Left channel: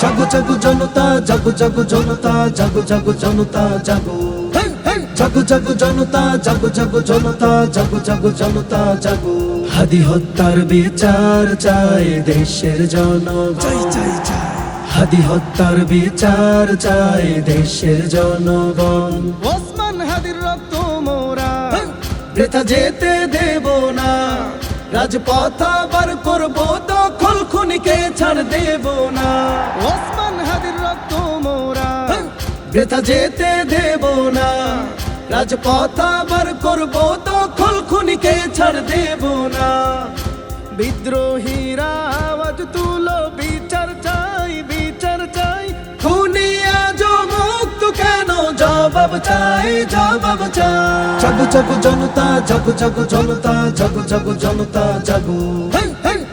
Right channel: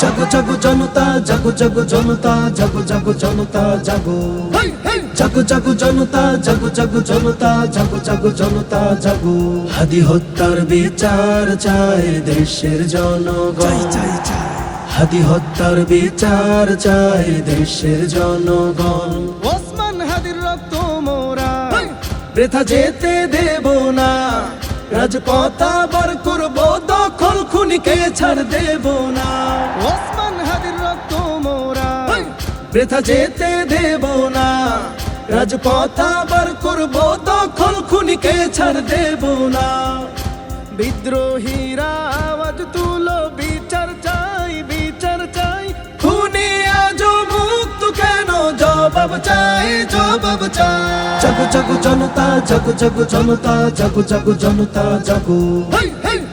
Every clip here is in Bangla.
জাগো জাগো জনতা, জাগো জাগো জনতা, জাগো জাগো জনতা জাগো। জাগো জাগো জনতা, জাগো জাগো জনতা, জাগো জাগো জনতা জাগো। হাদি হত্যার বিচার চায় দেশের জনগণ, হাদি হত্যার বিচার চায় দেশের জনগণ। ওসমান হাদির রক্ত মোরা বৃথা যেতে দেব না, রাজপথ আবার করবো দখল, খুনিকে ছাড় দেব না। ওসমান হাদির রক্ত মোরা বৃথা যেতে দেব না, রাজপথ আবার করবো দখল, খুনিকে ছাড় দেব না। বিদ্রোহীরা আওয়াজ তুলো, বিচার চাই, বিচার চাই। খুনি আজ মুক্ত কেন, জবাব চাই, জবাব চাই। জাগো জাগো জনতা, জাগো জাগো জনতা, জাগো জাগো জনতা জাগো।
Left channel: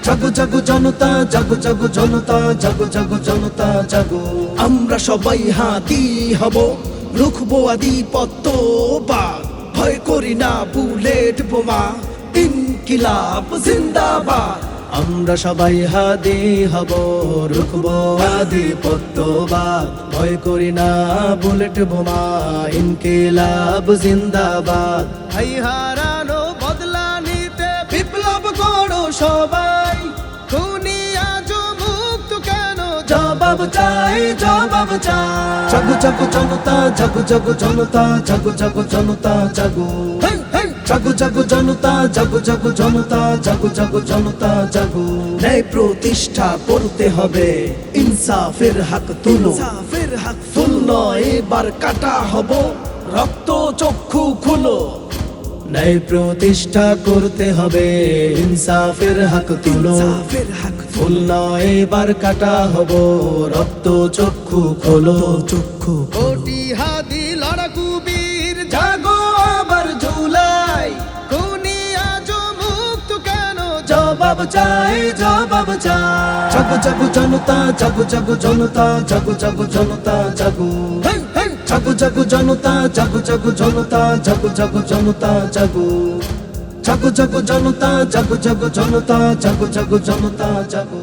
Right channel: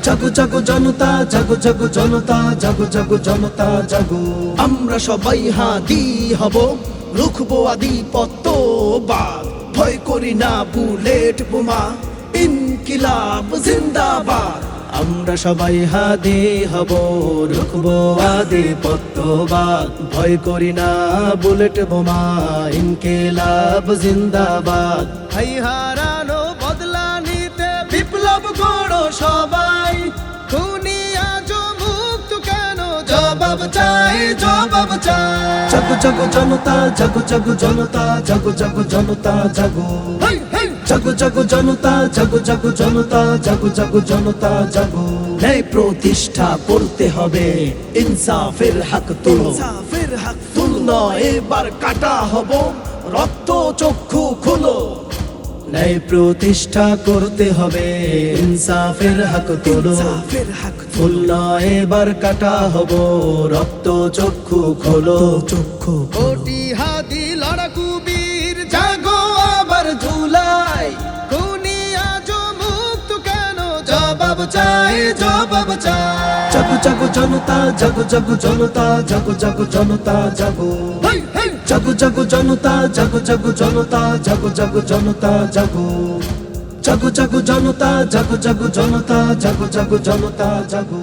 জাগো জাগো জনতা, জাগো জাগো জনতা, জাগো জাগো জনতা জাগো। আমরা সবাই হাদি হব, রুখবো আধিপত্যবাদ। ভয় করি না বুলেট বোমা, ইনকিলাব জিন্দাবাদ। আমরা সবাই হাদি হব, রুখবো আধিপত্যবাদ। ভয় করি না বুলেট বোমা, ইনকিলাব জিন্দাবাদ। ভাই হারানো বদলা নিতে বিপ্লব করো সবাই, খুনি আজ মুক্ত কেন, জবাব চাই, জবাব চাই। জাগো জাগো জনতা, জাগো জাগো জনতা, জাগো জাগো জনতা জাগো। জাগো জাগো জনতা, জাগো জাগো জনতা, জাগো জাগো জনতা জাগো। ন্যায় প্রতিষ্ঠা করতে হবে, ইনসাফের হক তুলো, ইনসাফের হক তুলো। এবার কাটা হব, রক্ত চক্ষু খুলো। ন্যায় প্রতিষ্ঠা করতে হবে, ইনসাফের হক তুলো, ইনসাফের হক তুলো। এবার কাটা হব, রক্ত চক্ষু খোলো, চক্ষু কোটি হাদি লড়াকু বীর জাগো আবার ঝুলাই। খুনি আজ মুক্ত কেন, জবাব চাই, জবাব চাই। জাগো জাগো জনতা, জাগো জাগো জনতা, জাগো জাগো জনতা জাগো। জাগো জাগো জনতা, জাগো জাগো জনতা, জাগো জাগো জনতা জাগো। জাগো জাগো জনতা, জাগো জাগো জনতা, জাগো জাগো জনতা জাগো।